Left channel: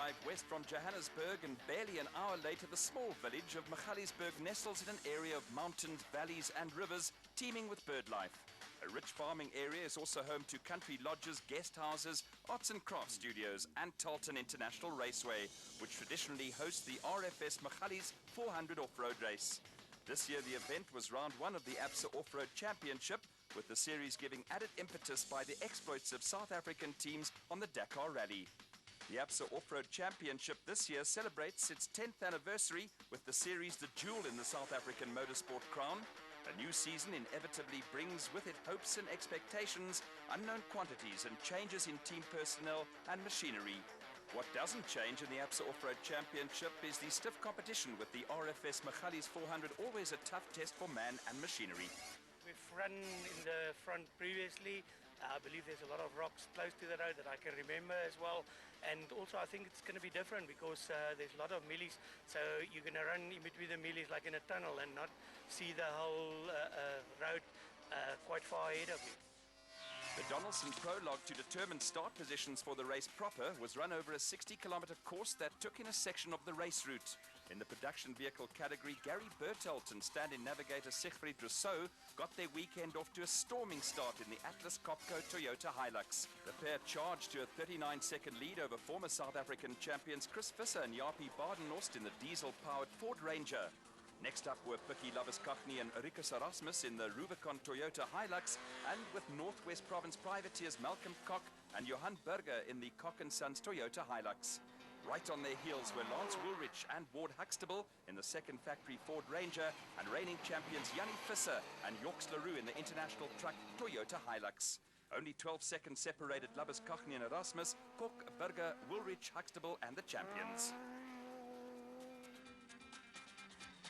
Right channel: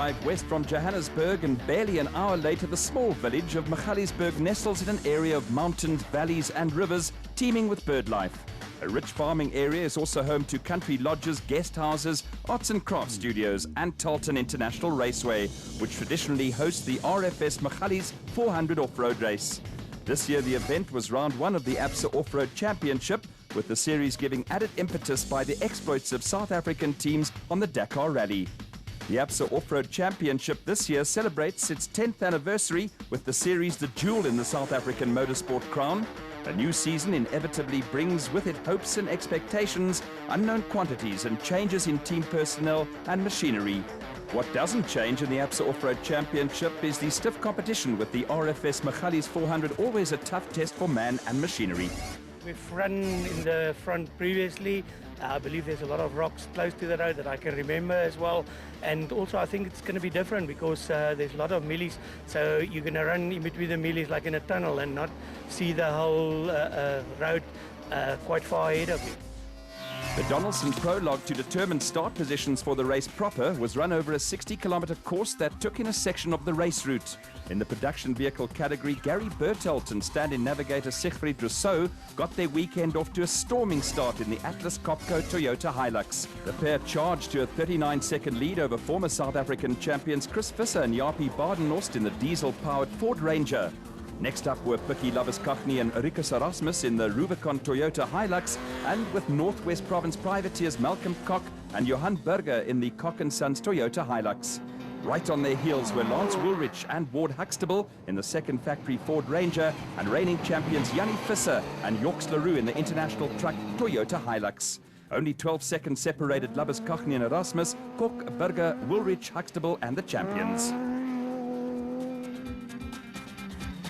arrived west from Johannesburg, and barely an hour later the small village of Magalies nestles in an area of mountains, valleys and rivers teeming with bird life. A rich farming area is also home to country lodges, guest houses, arts and crafts studios and Talton International Raceway, which traditionally hosts the RFS Magalies 400 off-road race. This year the event was round one of the ABSA Off-Road Championship, with the series giving added impetus by the exploits of South African teams on the Dakar Rally. The ABSA Off-Road Championship this year celebrates its 10th anniversary with the series the jewel in the South African motorsport crown. A new season inevitably brings with it hopes and expectations, unknown quantities and changes in team personnel and machinery. What doesn't change in the ABSA Off-Road Championship is the stiff competition, with the RFS Magalies 400 always a tough test for man and machinery. We've run in the front previously. I believe there's a lot of rocks close to the road that I can remember as well. And also I think it's going to be different because there's a lot of millies. So you're going to run in between the millies like in a tunnel and not see the whole road quite far ahead of you. The Donaldson prologue to determine start positions for the race proper was run over a 60-kilometre course that took in a section of the race route. In the production vehicle category, Gary Bertelt and stand-in navigator Siegfried Rousseau got their weekend off to a storming start in the Atlas Copco Toyota Hilux. The pair charged to a 39-second lead over former South African champions Chris Visser and Jaapie Badenhorst in the diesel-powered Ford Ranger. Next up were Pikkie Labuschagne and Rikus Erasmus in the Rubicon Toyota Hilux, and with Northwest Province privateers Malcolm Koch and Johan Burger in the Koch & Sons Toyota Hilux. Right on their heels were Lance Woolrich and Ward Huxtable in the second factory Ford Ranger, and reigning champions Jannie Visser and Yorks LaRue in the international truck Toyota Hilux. Only 12 seconds separated Labuschagne and Erasmus, Koch, Burger, Woolrich, Huxtable and the champions.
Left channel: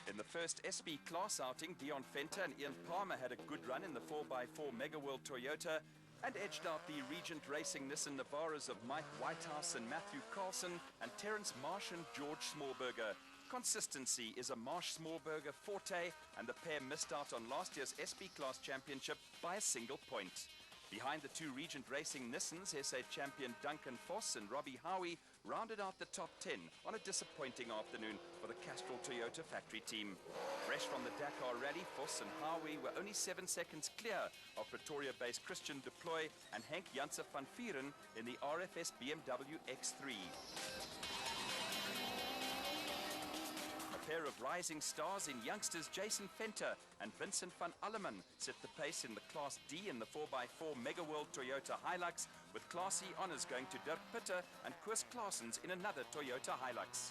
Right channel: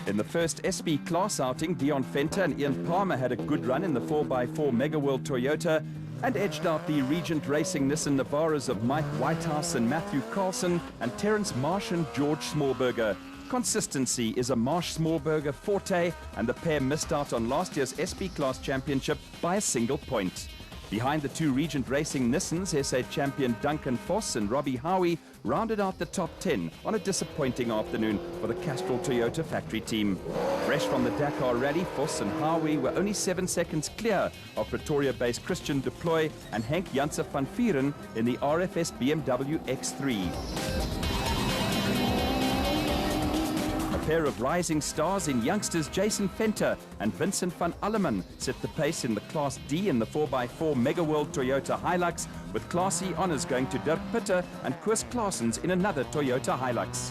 In the first SP class outing, Dion Venter and Ian Palmer had a good run in the 4x4 Mega World Toyota and edged out the Regent Racing Nissan Navaras of Mike Whitehouse and Matthew Carlson and Terence Marsh and George Smallberger. Consistency is a Marsh Smallberger forte, and the pair missed out on last year's SP Class Championship by a single point. Behind the two Regent Racing Nissans, SA champion Duncan Voss and Robbie Howie rounded out the top 10 on a disappointing afternoon for the Castrol Toyota factory team. Fresh from the Dakar Rally, Voss and Howie were only 7 seconds clear of Pretoria-based Christian Deploy and Henk Janse van Vieren in the RFS BMW X3. A pair of rising stars in youngsters Jason Venter and Vincent van Alleman set the pace in the Class D in the 4x4 Mega World Toyota Hilux, with Class E honours going to Dirk Pitter and Koos Claessens in another Toyota Hilux.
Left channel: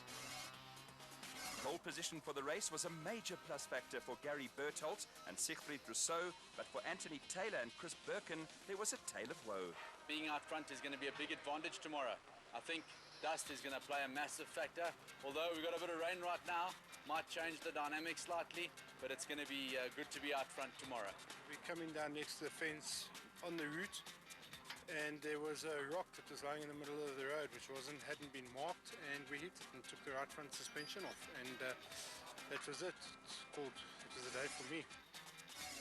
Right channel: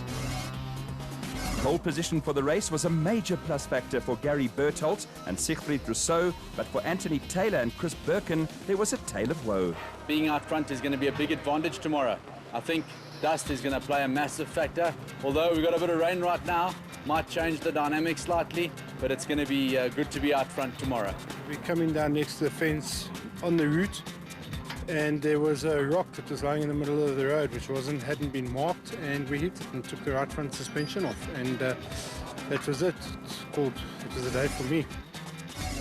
Pole position for the race was a major plus factor for Gary Bertelt and Siegfried Rousseau, but for Anthony Taylor and Chris Birkin, there was a tale of woe. Being out front is going to be a big advantage tomorrow. I think dust is going to play a massive factor. Although we've got a bit of rain right now, might change the dynamic slightly, but it's going to be good to be out front tomorrow. We're coming down next to the fence on the route, and there was a rock that was lying in the middle of the road which hadn't been marked, and we hit it and took the right front suspension off, and that was it. It was a day for me.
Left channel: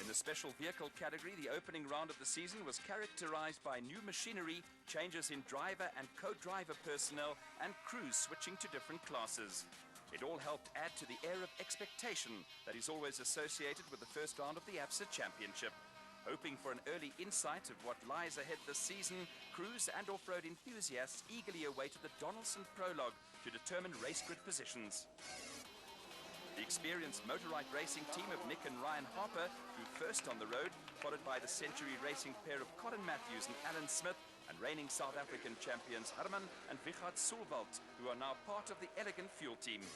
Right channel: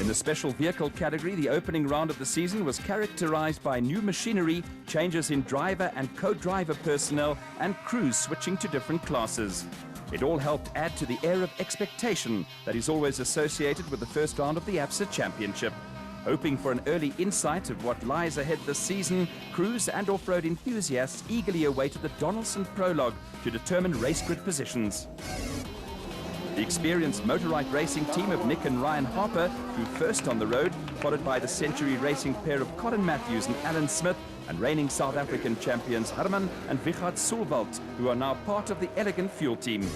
In the special vehicle category, the opening round of the season was characterized by new machinery, changes in driver and co-driver personnel, and crews switching to different classes. It all helped add to the air of expectation that is always associated with the first round of the ABSA Championship. Hoping for an early insight of what lies ahead this season, crews and off-road enthusiasts eagerly awaited the Donaldson prologue to determine race grid positions. The experienced Motorite racing team of Nick and Ryan Harper flew first on the road, followed by the Century Racing pair of Colin Matthews and Alan Smith, and reigning South African champions Herman and Wichard Sulwald, who are now part of the Elegant Fuel team.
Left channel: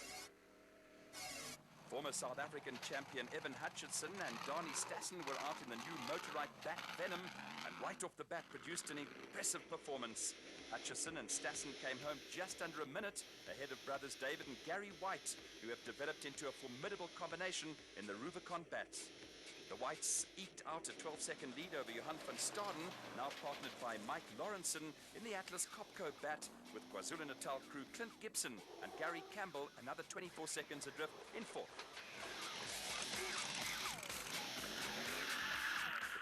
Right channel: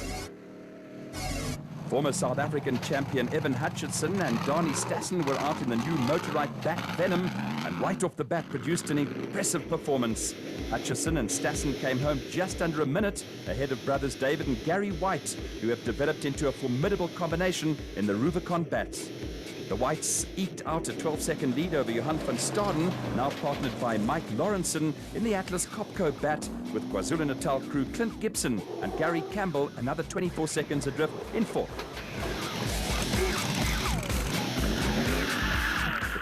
Former South African champion Evan Hutchinson and Dani Stassen were out in the new Motorite Bat Venom, and right off the bat produced an impressive performance. Hutchison and Stassen came home just under a minute ahead of brothers David and Gary White, who have developed into a formidable combination in the Rubicon Bat. The Whites eked out a 12-second lead over Johan van Staden, now partnered by Mike Lawrenson in the Atlas Copco Bat, with KwaZulu-Natal crew Clint Gibson and Gary Campbell another 24 seconds adrift in fourth.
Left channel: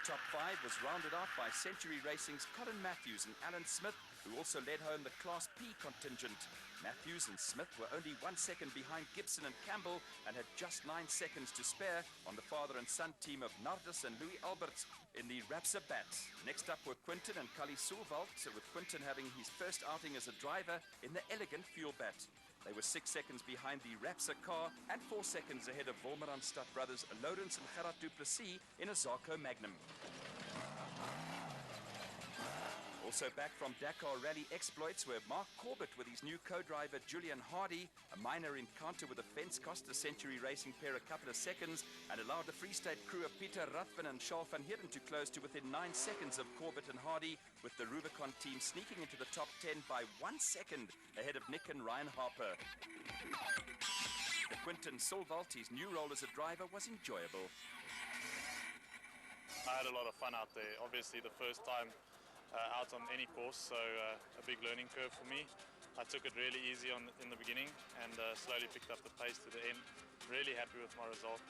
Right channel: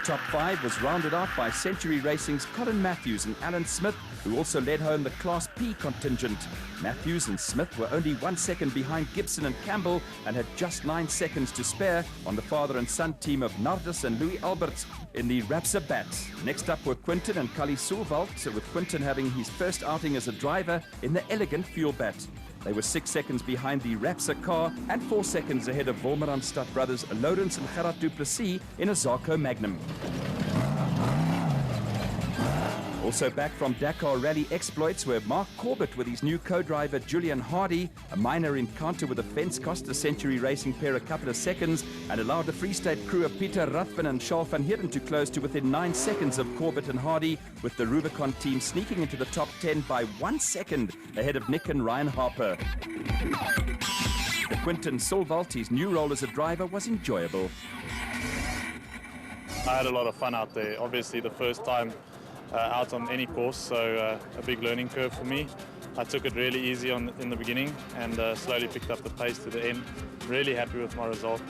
The top five was rounded out by Century Racing's Colin Matthews and Alan Smith, who also led home the Class P contingent. Matthews and Smith were only 1 second behind Gibson and Campbell and had just 9 seconds to spare on the father and son team of Nardus and Louis Alberts in the Rapsa Bat. Next up were Quinton and Kali Sulvalt, with Quinton having his first outing as a driver in the elegant Fuel Bat. They were 6 seconds behind the Rapsa car and 4 seconds ahead of Wolmeranstad brothers Lawrence and Gerard Duplessis in a Zarco Magnum. Also back from Dakar Rally exploits were Mark Corbett with his new co-driver Julian Hardy. A minor encounter with a fence cost the Century Racing pair a couple of seconds and allowed the Free State crew of Peter Ruthven and Charles van Heerden to close to within 9 seconds of Corbett and Hardy, with the Rubicon team sneaking into the top 10 by 1 second ahead of Nick and Ryan Harper. The Quinton Sulvalt, his new role as a driver, was enjoyable. I had a lot of fun out there. Obviously the first time out on any course, so a big learning curve for me. I took it really easy in the beginning and slowly picked up the pace to the end. Really happy with my result.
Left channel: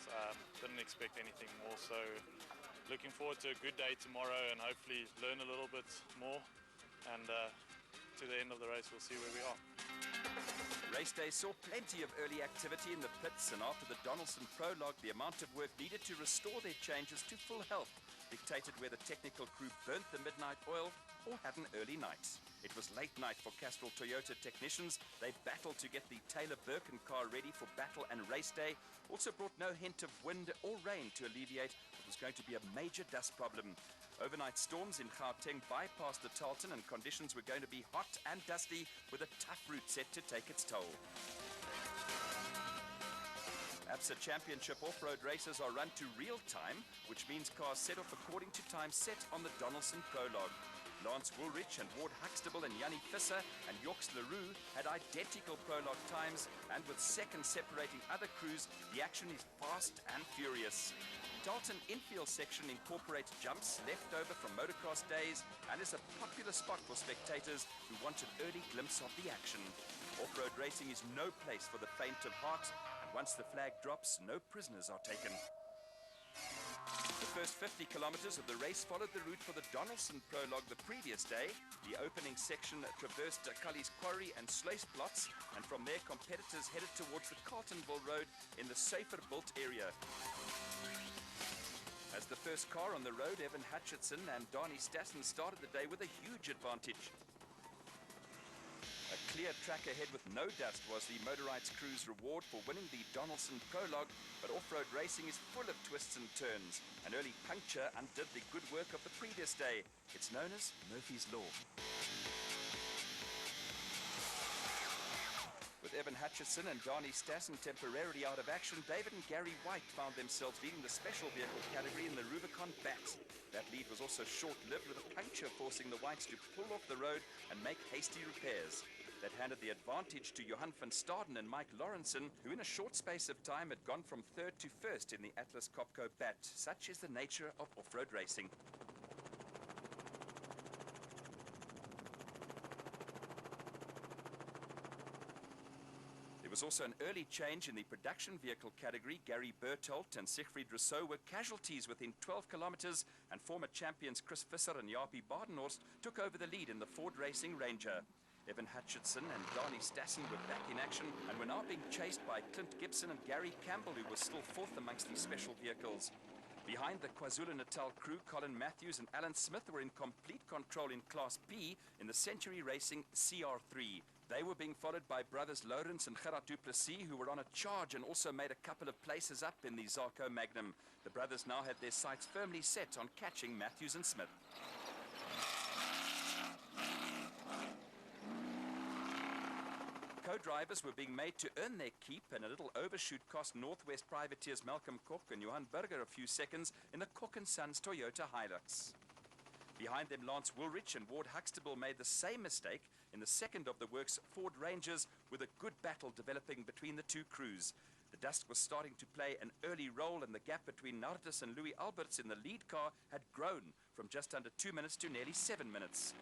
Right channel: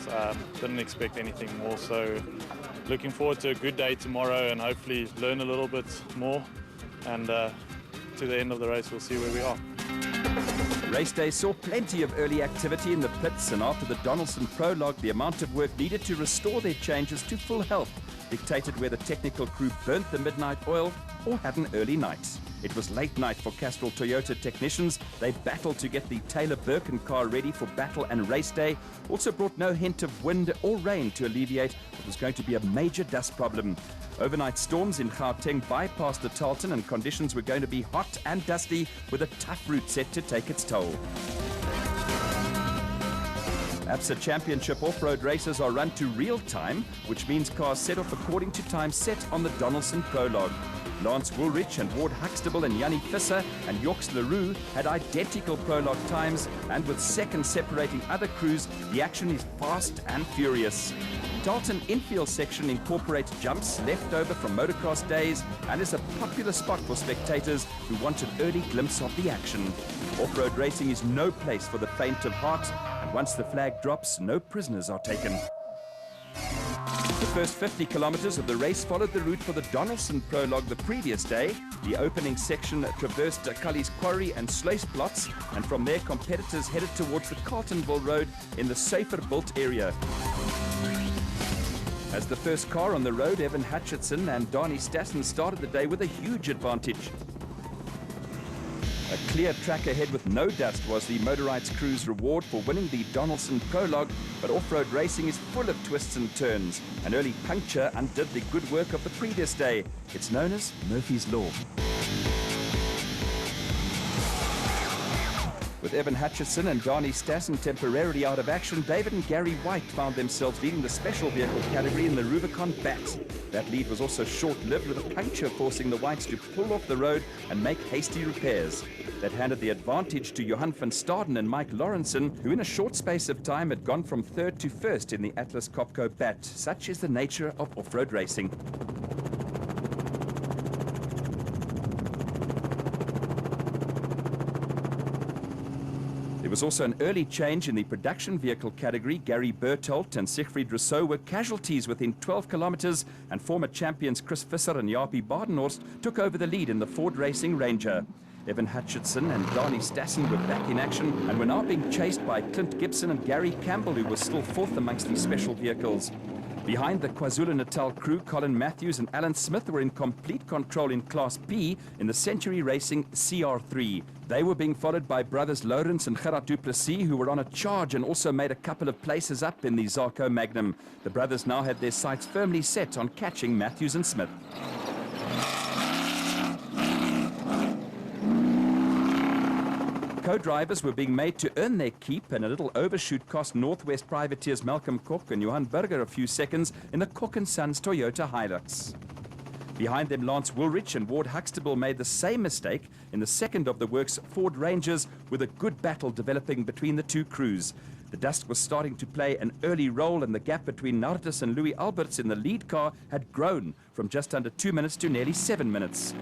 Didn't expect anything more, so looking forward to a good day tomorrow and hopefully learn a little bit more, and to the end of the race we'll see where we are. Race day saw plenty of early activity in the pits, and after the Donaldson prologue, the amount of work needed to restore their changes to full health dictated whether technical crew burnt the midnight oil or had an early night. It was late night for Castrol Toyota technicians. They battled to get the Taylor Birkin car ready for battle and race day. Also brought no hint of wind or rain to alleviate what was going to be a major dust problem. Overnight storms in Gauteng bypassed the Tarleton, and conditions were going to be hot and dusty with a tough route set to take its toll. ABSA Championship off-road races are run to real time, which means cars set off according to time set on the Donaldson prologue. Lance Woolrich and Ward Huxtable and Yanni Visser and Yorks LaRue had identical prologue times, and with seconds separating other crews, the action is fast and furious. Tarleton infield section incorporates jumps left over from motocross days and is a popular spot for spectators who want an early glimpse of the action. Off-road racing is no place for the faint of heart, and once the flag drops, no prisoners are taken. The first 50 kilometers of the race followed the route for the Donaldson prologue the previous day. The opening section traversed Cully's Quarry and Sluisplatz, and from there competitors headed towards the Carltonville Road in the safer built area. As the first car on the road, Evan Hutchinson and Donnie Stassen started the day with a huge advantage. A clear track ahead with no dust was the Motorites crew's reward for winning the Donaldson prologue, but off-road racing is full of twists and turns. An early puncture undid the good work of the previous day. It's known as Murphy's Law. With Evan Hutchinson and Donnie Stassen temporarily out of action, David and Gary White found themselves leading the special vehicle category in the Rubicon Bat. That lead was also short-lived, with a puncture forcing the Whites to pull off the road and make hasty repairs. That handed the advantage to Johan van Staden and Mike Lawrenson, who in a short space of time had gone from third to first in the Atlas Copco Bat. Such is the nature of off-road racing. There was also an early change in the production vehicle category. Gary Bertholdt and Siegfried Rousseau were casualties within 12 kilometers, and former champions Chris Visser and Jaapie Badenhorst took over the lead in the Ford Racing Ranger. Evan Hutchinson and Donnie Stassen were back in action and were now being chased by Clint Gibson and Gary Campbell, who was still fourth amongst the special vehicles. Behind the KwaZulu-Natal crew, Colin Matthews and Alan Smith were in complete control in Class B in the Century Racing CR3. They were being followed by brothers Lawrence and Gerard Duplessis, who were on a charge and also made a couple of places up in the Zarco Magnum. The brothers now had their sights firmly set on catching Matthews and Smith. Co-drivers were being made to earn their keep, and a little overshoot cost Northwest privateers Malcolm Cook and Johan Burger a few seconds in the Cook & Sons Toyota Hilux. Behind them, Lance Woolrich and Ward Huxtable made the same mistake in the second of the works Ford Rangers, with a good battle developing between the two crews. The dust was starting to play an early role, and the gap between Nardus and Louis Alberts in the lead car had grown from just under 2 minutes to nearly 7 minutes.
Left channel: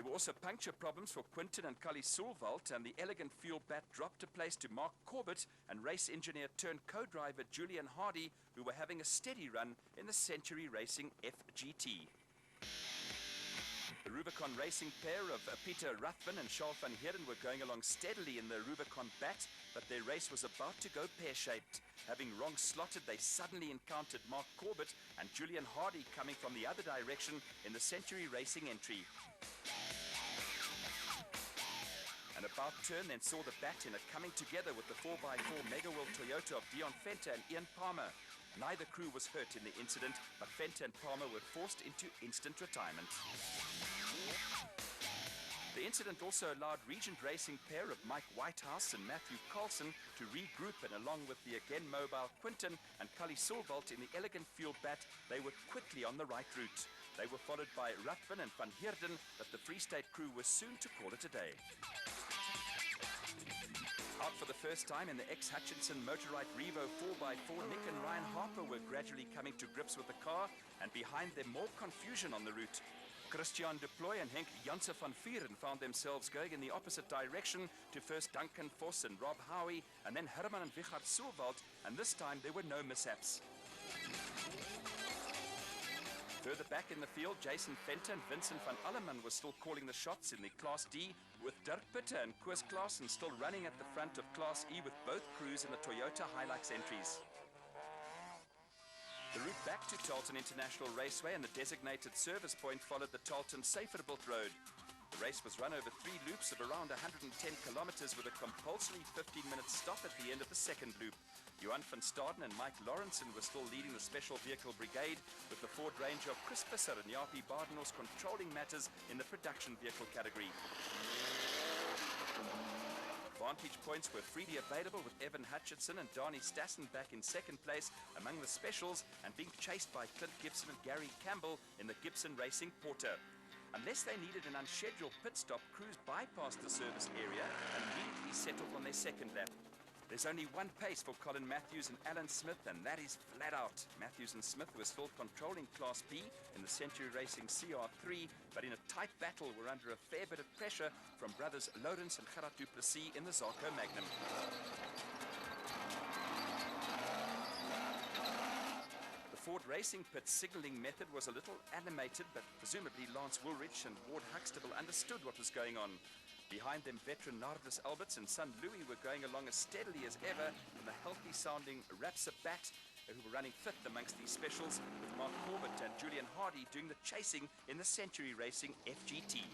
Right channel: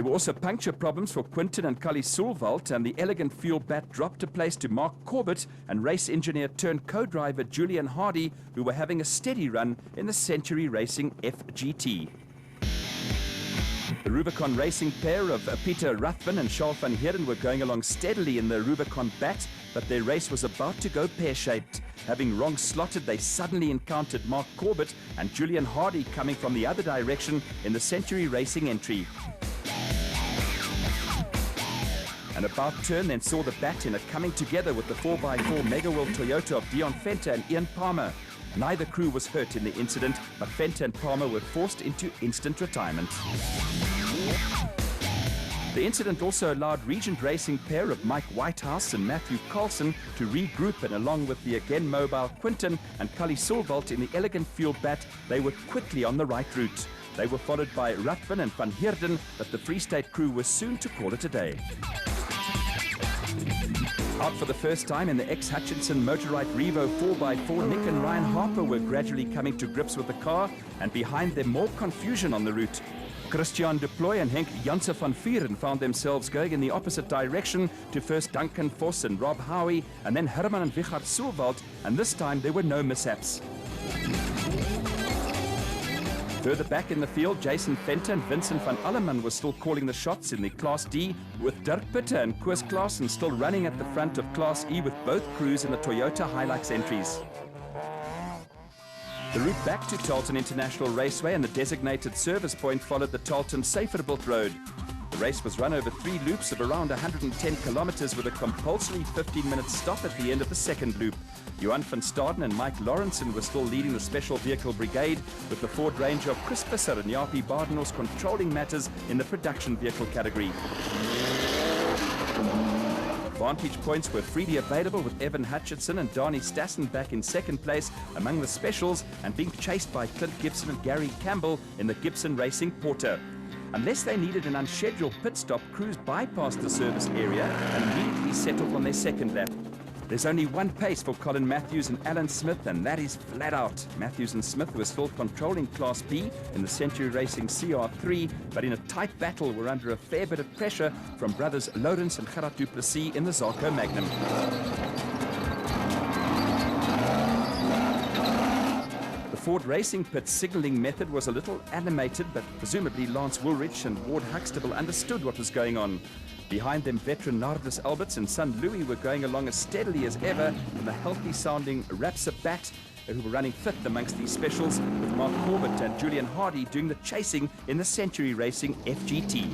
There were also puncture problems for Quinton and Cully Sulvalt, and the elegant fuel bat dropped a place to Mark Corbett and race engineer turned co-driver Julian Hardy, who were having a steady run in the Century Racing FGT. The Rubicon racing pair of Peter Ruthven and Charles van Heerden were going along steadily in the Rubicon bat, but their race was about to go pear-shaped. Having wrong slotted, they suddenly encountered Mark Corbett and Julian Hardy coming from the other direction in the Century Racing entry. An about turn then saw the bat in a coming together with the 4x4 Mega World Toyota of Dion Fenter and Ian Palmer. Neither crew was hurt in the incident, but Fenter and Palmer were forced into instant retirement. The incident also allowed Regent Racing pair of Mike Whitehouse and Matthew Carlson to regroup, and along with the again mobile Quinton and Cully Sulvalt in the elegant fuel bat, they were quickly on the right route. They were followed by Ruthven and Van Heerden, but the Free State crew was soon to call it a day. Out for the first time in the ex-Hutchinson Motorite Revo 4x4, Nick and Ryan Harper were gradually coming to grips with the car, and behind them more confusion on the route. Christian de Plooy and Henk Janse van Vieren found themselves going in the opposite direction to first Duncan Vos and Rob Howie, and then Herman and Wichard Sulvalt, and this time there were no mishaps. Further back in the field, Jason Fenter and Vincent van Alleman were still calling the shots in the Class D, with Dirk Pitter and Koos Klaassen still running at the front of Class E with both crews in the Toyota Hilux entries. The route back to Tarleton International Raceway and the designated service point followed the Tarleton Saferbuilt Road. The race was run over 3 loops of around 110 kilometers with a compulsory 15-minute stop at the end of the second loop. Johan van Staden and Mike Lawrenson were still leading the Special Vehicle Brigade, with the Ford Ranger of Chris Visser and Jaapie Badenhorst controlling matters in the production vehicle category. Vantage points were freely available, with Evan Hutchinson and Darnie Stassen back in second place among the specials and being chased by Clint Gibson and Gary Campbell in the Gibson Racing Porter. Unless they needed an unscheduled pit stop, crews bypassed the service area and immediately settled on their second lap. There's only one pace for Colin Matthews and Alan Smith, and that is flat out. Matthews and Smith were still controlling Class B in the Century Racing CR3, but in a tight battle were under a fair bit of pressure from brothers Lawrence and Gerard du Plessis in the Zarco Magnum. The Ford Racing Pit signalling method was a little animated, but presumably Lance Woolrich and Ward Huxtable understood what was going on. Behind them, veteran Nardus Alberts and son Louis were going along as steadily as ever in the healthy-sounding Rapsa Bat, who were running fifth amongst these specials, with Mark Corbett and Julian Hardy doing the chasing in the Century Racing FGT.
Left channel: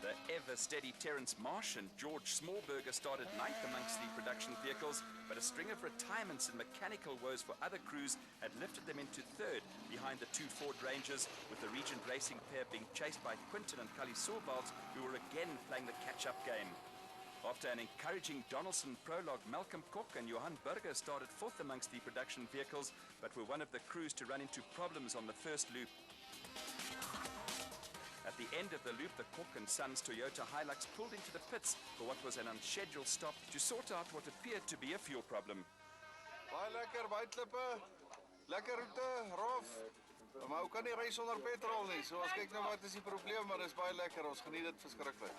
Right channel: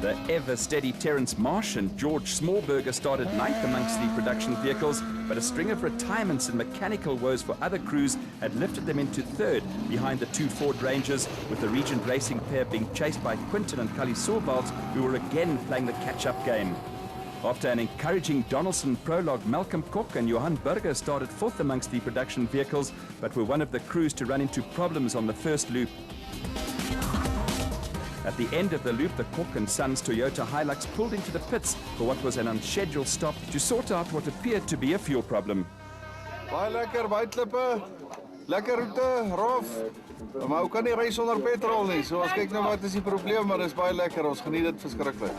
The ever-steady Terence Marsh and George Smallberger started ninth amongst the production vehicles, but a string of retirements and mechanical woes for other crews had lifted them into third behind the 2 Ford Rangers, with the Regent Racing pair being chased by Quinton and Cully Sulvalt, who were again playing the catch-up game. After an encouraging Donaldson prologue, Malcolm Cook and Johan Burger started fourth amongst the production vehicles, but were one of the crews to run into problems on the first loop. At the end of the loop, the Cook and Sons Toyota Hilux pulled into the pits for what was an unscheduled stop to sort out what appeared to be a fuel problem. Baie lekker buitklippe, lekker roete, rof. Maar hoe kan nie ry sonder petrol nie? So ons kyk nou wat is die probleem, maar dis baie lekker. Ons geniet dit verskriklik.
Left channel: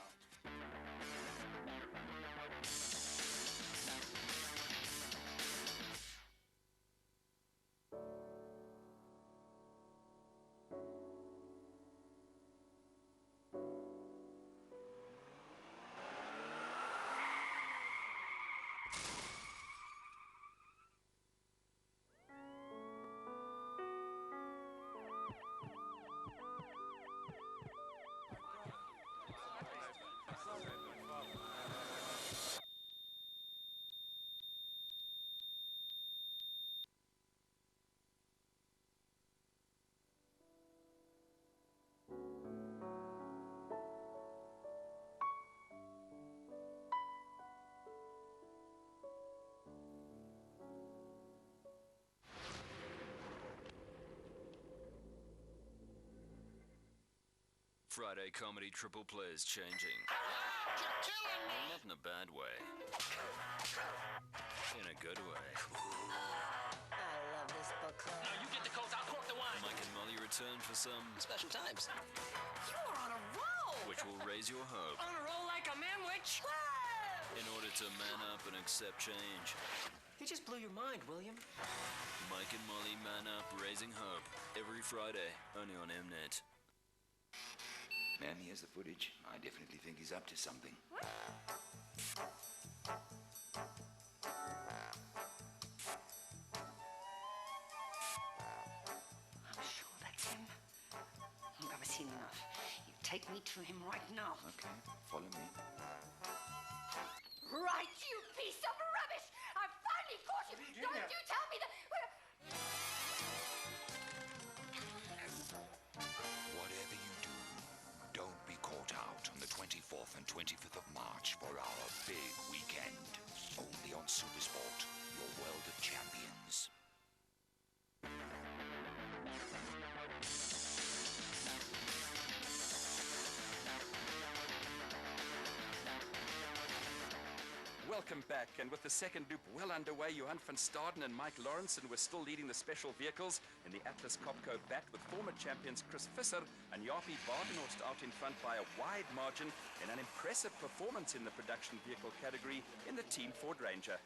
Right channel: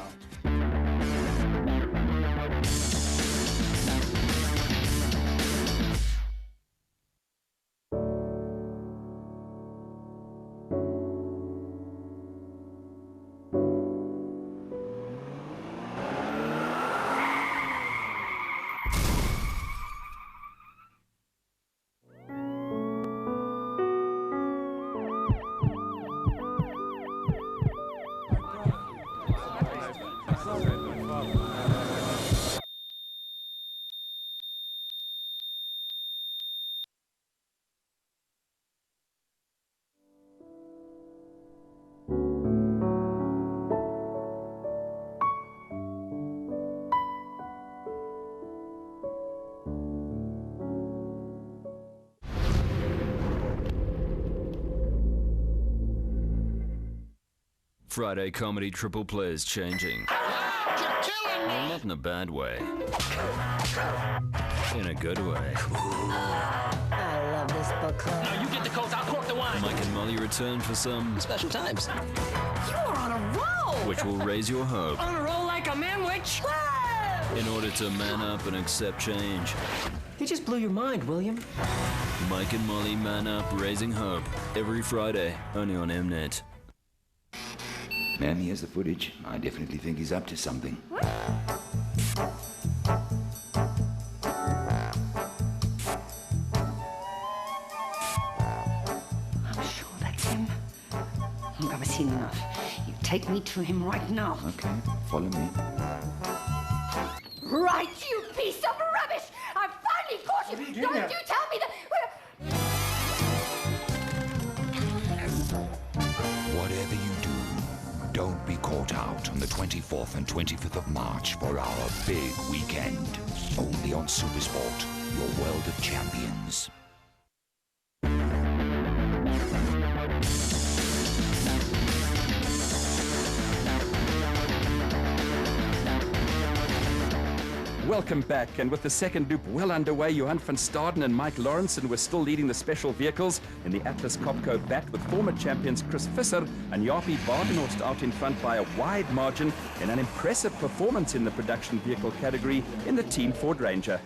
Friday comedy triple play is changing. Well, not in a bad way. In a good way. I love this book club. No, you get the coats, I'll cork the wine. Mike and return for some Special times. You're on a roll! which will raise your hope On a roll like a manwich? in order to man up and accept change. You just blew your mind, William. Mike and Molly Man Up Raising Hope every Friday, only on Mnet. Man, here's the footage. I definitely think he's up to something. I'm sure that's him. Look, I've seen enough. You take me to him right now. Okay, follow me. Right, you piece of rubbish! I've finally caught you! Don't you tell me that... Whatever you do, don't be caught out on the 24th and 25th of March for our big weekend. Only on Supersport, your world of champions. Welcome back, and with the second loop well underway, Johan van Staden and Mike Lawrenson were still leading the special vehicles in the Atlas Copco bat, with former champions Chris Visser and Jaapie Badenhorst out in front by a wide margin in an impressive performance in the production vehicle category in the Team Ford Ranger.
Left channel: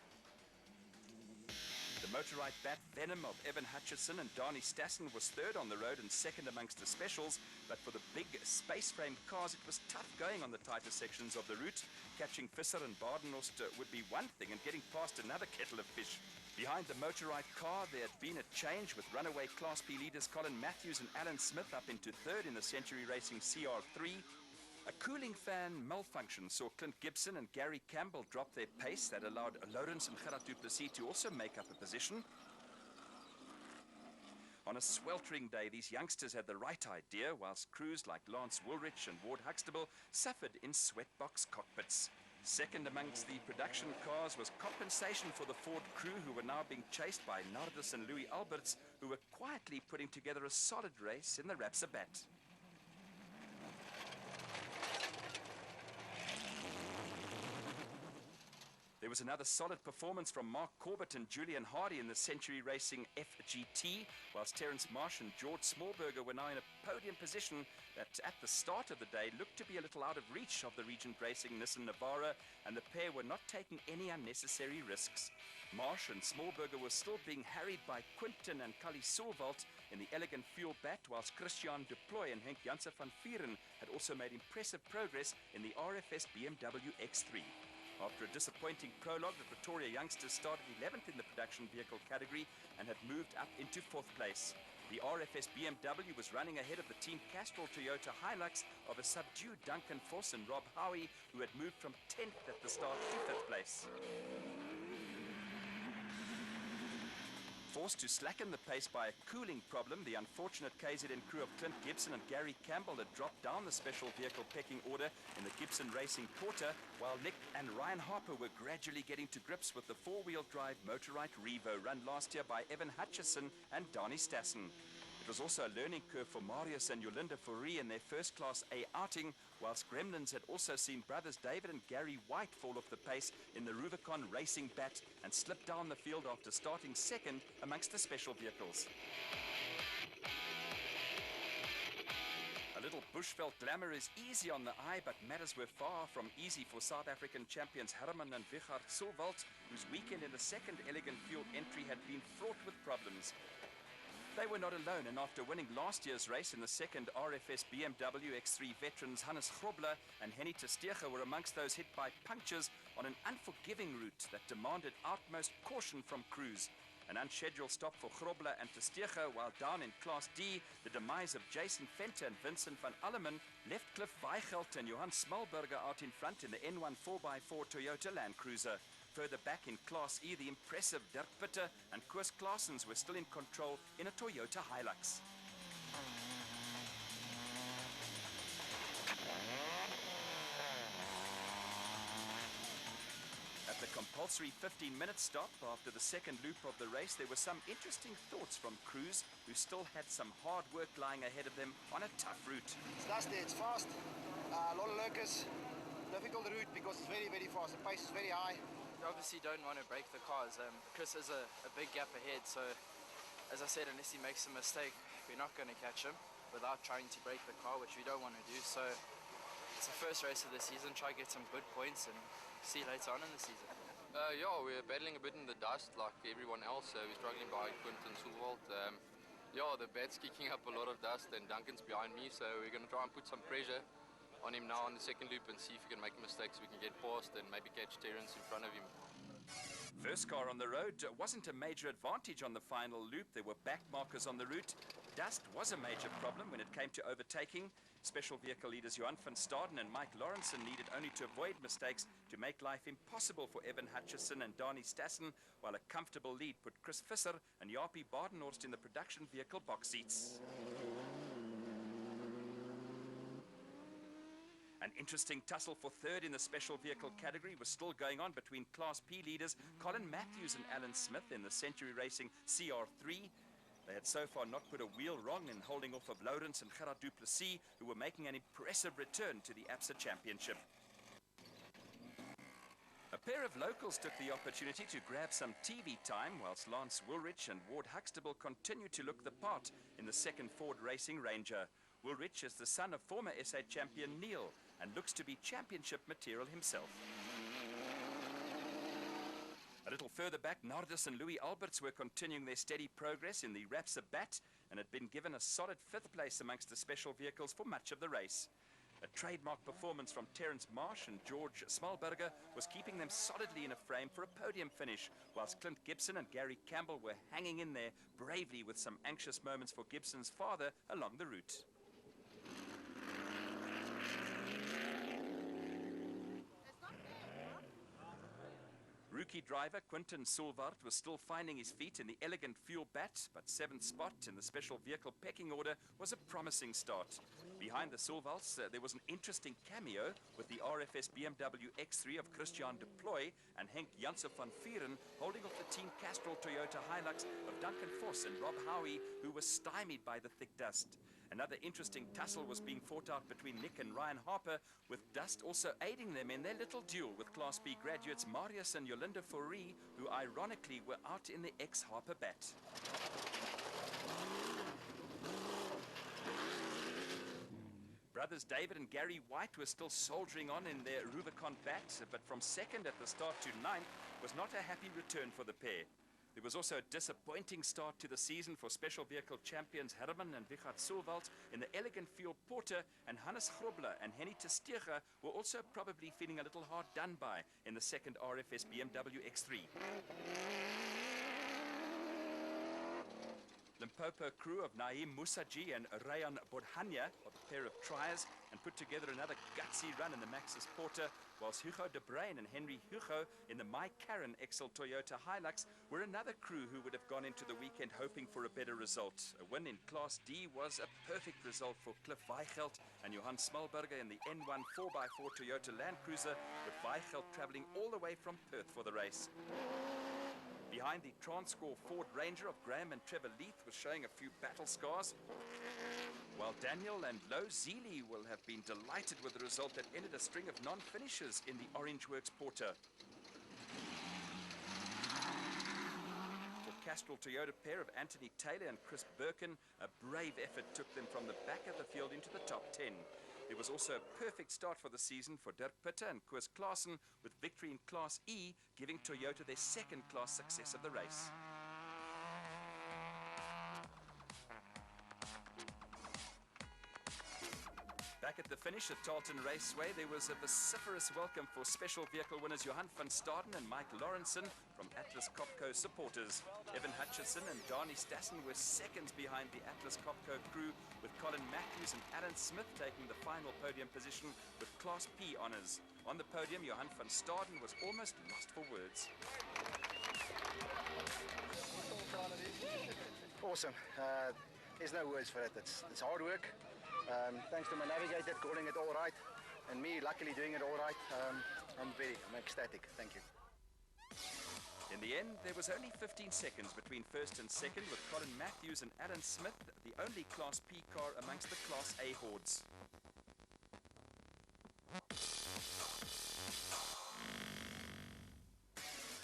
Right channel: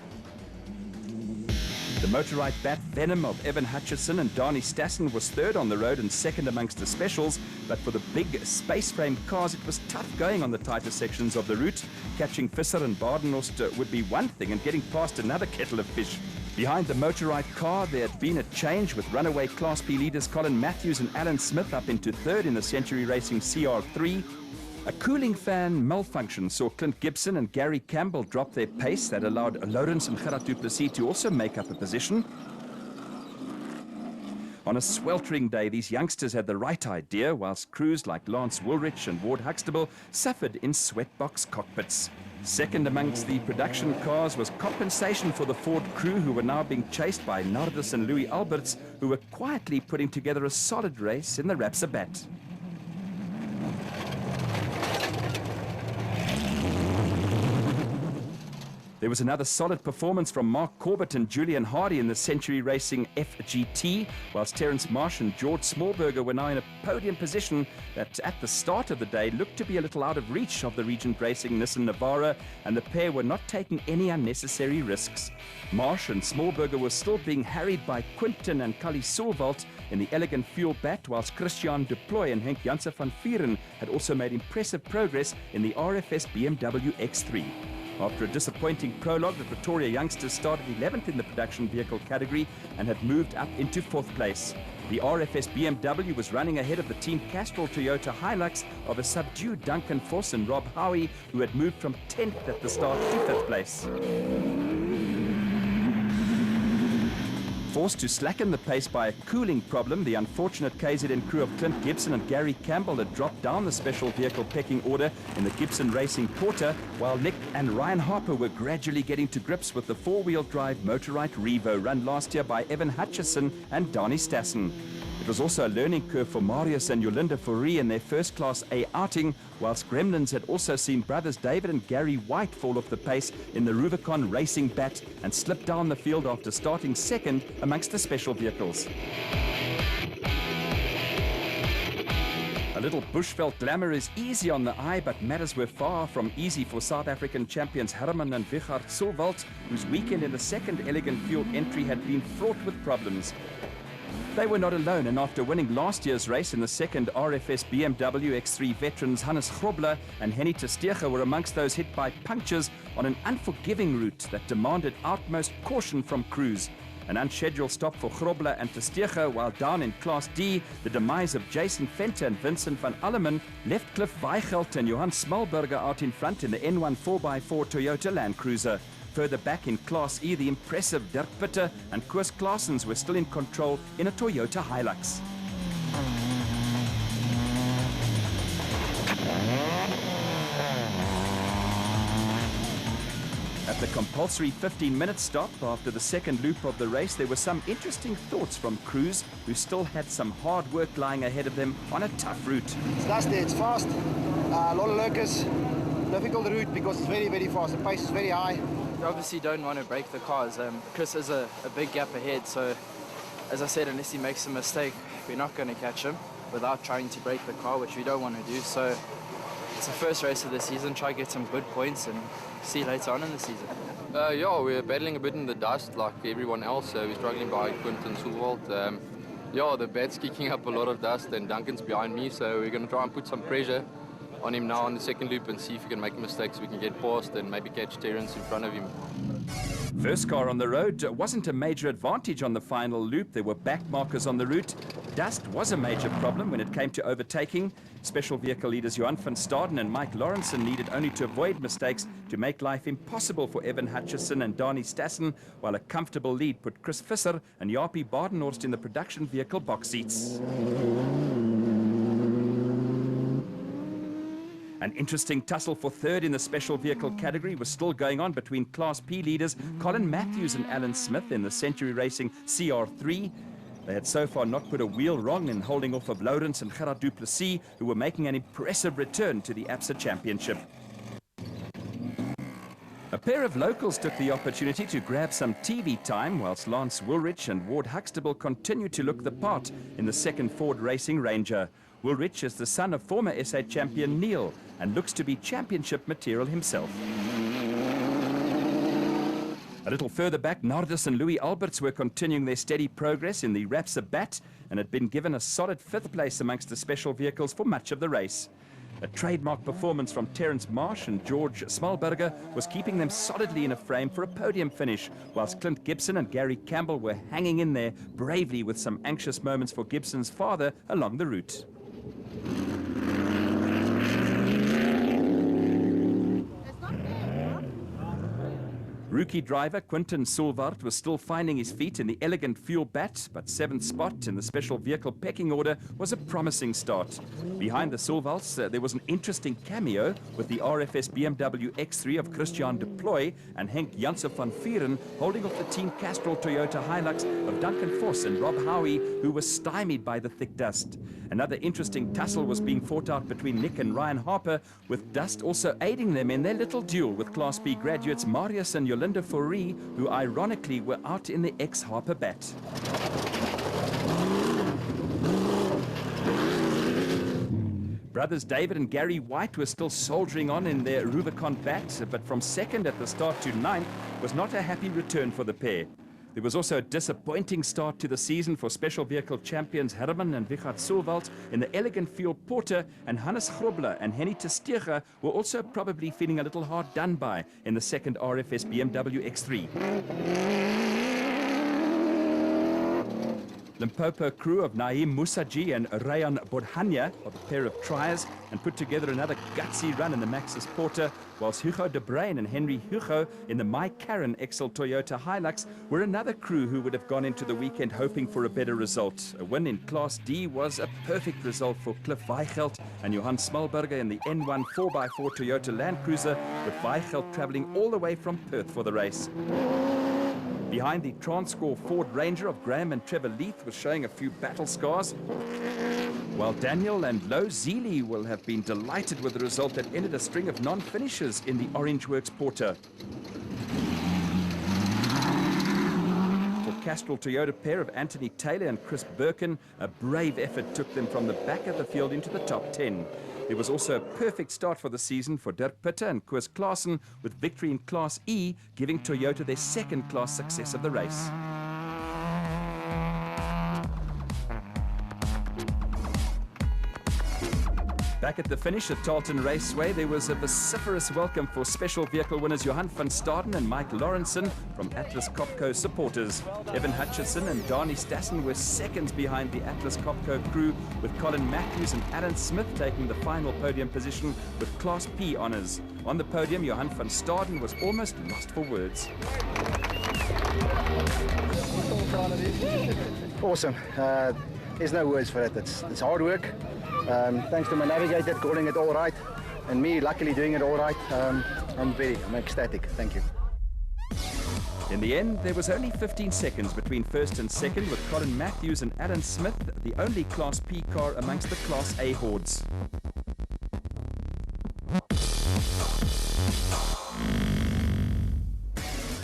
The Motorite bat Venom of Evan Hutchison and Dani Stassen was third on the road and second amongst the specials, but for the big space frame cars it was tough going on the tighter sections of the route. Catching Visser and Badenhorst would be one thing, and getting past another kettle of fish. Behind the Motorite car there had been a change, with runaway Class B leaders Colin Matthews and Alan Smith up into third in the Century Racing CR3. A cooling fan malfunction saw Clint Gibson and Gary Campbell drop their pace. That allowed Lawrence and Gerard du Plessis to also make up a position. On a sweltering day, these youngsters had the right idea, whilst crews like Lance Woolrich and Ward Huxtable suffered in sweatbox cockpits. Second amongst the production cars was compensation for the Ford crew, who were now being chased by Nardus and Louis Alberts, who were quietly putting together a solid race in the Rapsabat. There was another solid performance from Mark Corbett and Julian Hardy in the Century Racing FGT, whilst Terence Marsh and George Smallberger were now in a podium position that at the start of the day looked to be a little out of reach of the Regent Racing Nissan Navara, and the pair were not taking any unnecessary risks. Marsh and Smallberger were still being harried by Quinton and Kali Sulvalt in the Elegant Fuel bat, whilst Christian Deploy and Henk Janssen van Vieren had also made impressive progress in the RFS BMW X3. After a disappointing prologue, the Pretoria youngsters started 11th in the production vehicle category and had moved up into 4th place. The RFS BMW was running ahead of the Team Castrol Toyota Hilux of a subdued Duncan Foss and Rob Howie, who had moved from 10th at the start to 5th place. Forced to slacken the pace by a cooling problem, the unfortunate KZN crew of Clint Gibson and Gary Campbell had dropped down the special vehicle pecking order in the Gibson Racing Porter, while Nick and Ryan Harper were gradually getting to grips with the four-wheel drive Motorite Revo run last year by Evan Hutchison and Dani Stassen. It was also a learning curve for Marius and Yolinda Fourie in their first Class A outing, whilst Gremlins had also seen brothers David and Gary White fall off the pace in the Rubicon Racing bat and slip down the field after starting second amongst the special vehicles. A little bushveld glamour is easy on the eye, but matters were far from easy for South African champions Herman and Wichard Sulvalt, whose weekend in the second Elegant Fuel entry had been fraught with problems. They were not alone, and after winning last year's race in the second RFS BMW X3, veterans Hannes Grobler and Henny Testeger were amongst those hit by punctures on an unforgiving route that demanded utmost caution from crews. An unscheduled stop for Grobler and Testeger, while down in Class D, the demise of Jason Venter and Vincent van Alleman left Cliff Weigelt and Johan Smallberger out in front in the N1 4x4 Toyota Land Cruiser. Further back in Class E, the impressive Dirk Pitter and Koos Claessens were still in control in a Toyota Hilux. At the compulsory 15-minute stop after the second loop of the race, there were some interesting thoughts from crews who still had some hard work lying ahead of them on a tough route. It's dusty, it's fast, a lot of lurkers, difficult route because it's very, very fast, the pace is very high. You obviously don't want to break the cars. Chris has a big gap ahead, so as I said, unless he makes a mistake, we're not going to catch him without trying to break the car, which we don't want to do. So it's the first race of the season, try to get some good points and see you later on in the season. Yeah, we're battling a bit in the dust like everyone else. We're struggling by Quinton Soelwald. Yeah, the bat's kicking up a lot of dust and Duncan's behind me, so we're going to try and put some pressure on him now on the second loop and see if we can make a mistake so we can get past and maybe catch Terence in front of him. First car on the road wasn't a major advantage on the final loop. There were back markers on the route. Dust was a major problem when it came to overtaking. Special vehicle leaders Johan van Staden and Mike Lawrenson needed only to avoid mistakes to make life impossible for Evan Hutchison and Dani Stassen, while a comfortable lead put Chris Visser and Jaapie Badenhorst in the production vehicle box seats. An interesting tussle for third in the special vehicle category was still going on between Class P leaders Colin Matthews and Alan Smith in the Century Racing CR3. They had so far not put a wheel wrong in holding off of Lawrence and Gerard Duplessis, who were making an impressive return to the ABSA Championship. A pair of locals took the opportunity to grab some TV time, whilst Lance Woolrich and Ward Huxtable continued to look the part in the second Ford Racing Ranger. Woolrich is the son of former SA champion Neil and looks to be championship material himself. A little further back, Nardis and Louis Alberts were continuing their steady progress in the Rapsa Bat and had been given a solid fifth place amongst the special vehicles for much of the race. A trademark performance from Terence Marsh and George Smalberger was keeping them solidly in a frame for a podium finish, whilst Clint Gibson and Gary Campbell were hanging in there bravely with some anxious moments for Gibson's father along the route. Rookie driver Quinton Soelwald was still finding his feet in the elegant fuel bat, but seventh spot in the special vehicle pecking order was a promising start. Behind the Soelwalds, there was an interesting cameo with the RFS BMW X3 of Christian de Ploy and Henk Janssen van Vieren holding off the Team Castrol Toyota Hilux of Duncan Voss and Rob Howie, who were stymied by the thick dust. Another interesting tussle was being fought out between Nick and Ryan Harper, with dust also aiding them in their little duel with Class B graduates Marius and Yolinda Fourie, who ironically were out in the ex-Harper bat. Brothers David and Gary White were still soldiering on in their Rubicon bat, but from second at the start to ninth was not a happy return for the pair. There was also a disappointing start to the season for special vehicle champions Herman and Wichard Soelwald in the Elegant Fuel Porter, and Hannes Grobler and Henny Testega were also probably feeling a little hard done by in the second RFS BMW X3. Limpopo crew of Naeem Musaji and Rayan Bodhania are the pair of triers and put together another gutsy run in the Maxus Porter, whilst Hugo de Bruin and Henry Hugo in the My Karen XL Toyota Hilux were another crew who would have gone into the weekend hoping for a better result. A win in Class D was a perfect result for Cliff Weichelt and Johan Smalberger in the N1 4x4 Toyota Land Cruiser, with Weichelt travelling all the way from Perth for the race. Behind the Transcore Ford Ranger of Graham and Trevor Leith was showing a few battle scars, while Daniel and Lo Zealy will have been delighted with the result that ended a string of non-finishers in the Orange Works Porter. For Castrol Toyota pair of Anthony Taylor and Chris Birkin, a brave effort took them from the back of the field into the top 10. There was also a perfect start for the season for Dirk Pitter and Koos Klaassen, with victory in Class E giving Toyota their second class success of the race. Back at the finish at Tarleton Raceway, there was a vociferous welcome for special vehicle winners Johan van Staden and Mike Lawrenson from Atlas Copco supporters. Evan Hutchison and Dani Stassen were seconds behind the Atlas Copco crew, with Colin Matthews and Alan Smith taking the final podium position with Class P honours. On the podium, Johan van Staden was almost lost for words. Awesome. There's no words for it. It's hard work. Thanks to my navigator calling it all right, and me luckily doing it all right. I'm ecstatic. Thank you. In the end, there was only 15 seconds between first and second, with Colin Matthews and Alan Smith the only Class P car amongst the Class A hordes.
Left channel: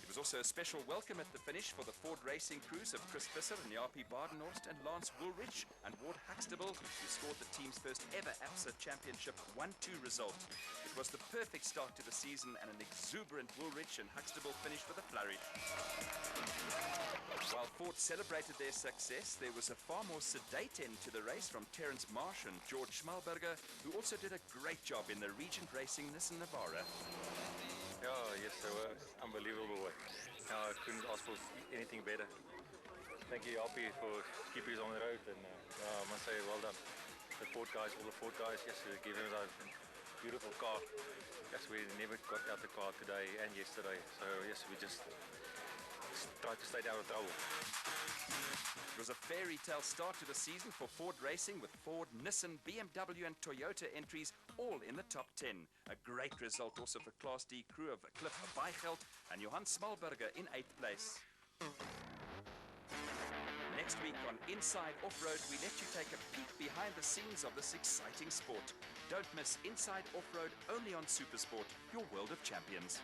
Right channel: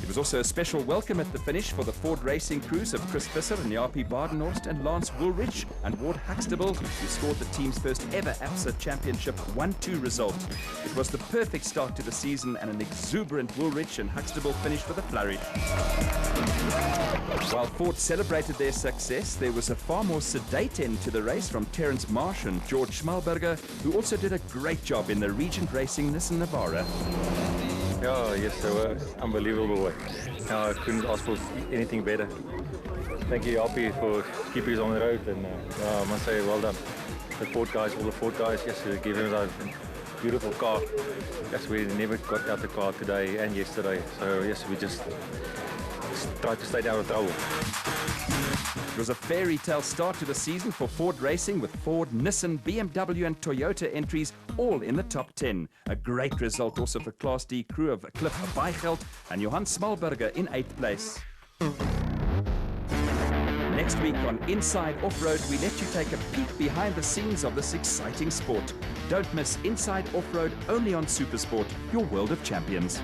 It was also a special welcome at the finish for the Ford racing crews of Chris Visser and Jaapie Badenhorst and Lance Woolrich and Ward Huxtable, who scored the team's first ever ABSA Championship 1-2 result. It was the perfect start to the season and an exuberant Woolrich and Huxtable finished with a flourish. While Ford celebrated their success, there was a far more sedate end to the race from Terence Marsh and George Schmalberger, who also did a great job in the Regent Racing Nissan Navara. Yeah, yes, they were unbelievable. I couldn't ask for anything better. Thank you, Jaapie, for keeping us on the road, and I must say, well done. The Ford guys, all the Ford guys, yes, they gave us a beautiful car. Yes, we never got out the car today and yesterday, so yes, we just tried to stay out of trouble. It was a fairy tale start to the season for Ford Racing, with Ford, Nissan, BMW and Toyota entries all in the top 10. A great result also for Class D crew of Cliff Weigelt and Johan Schmalberger in 8th place. Next week on Inside Off-Road, we let you take a peek behind the scenes of this exciting sport. Don't miss Inside Off-Road only on Supersport, your world of champions.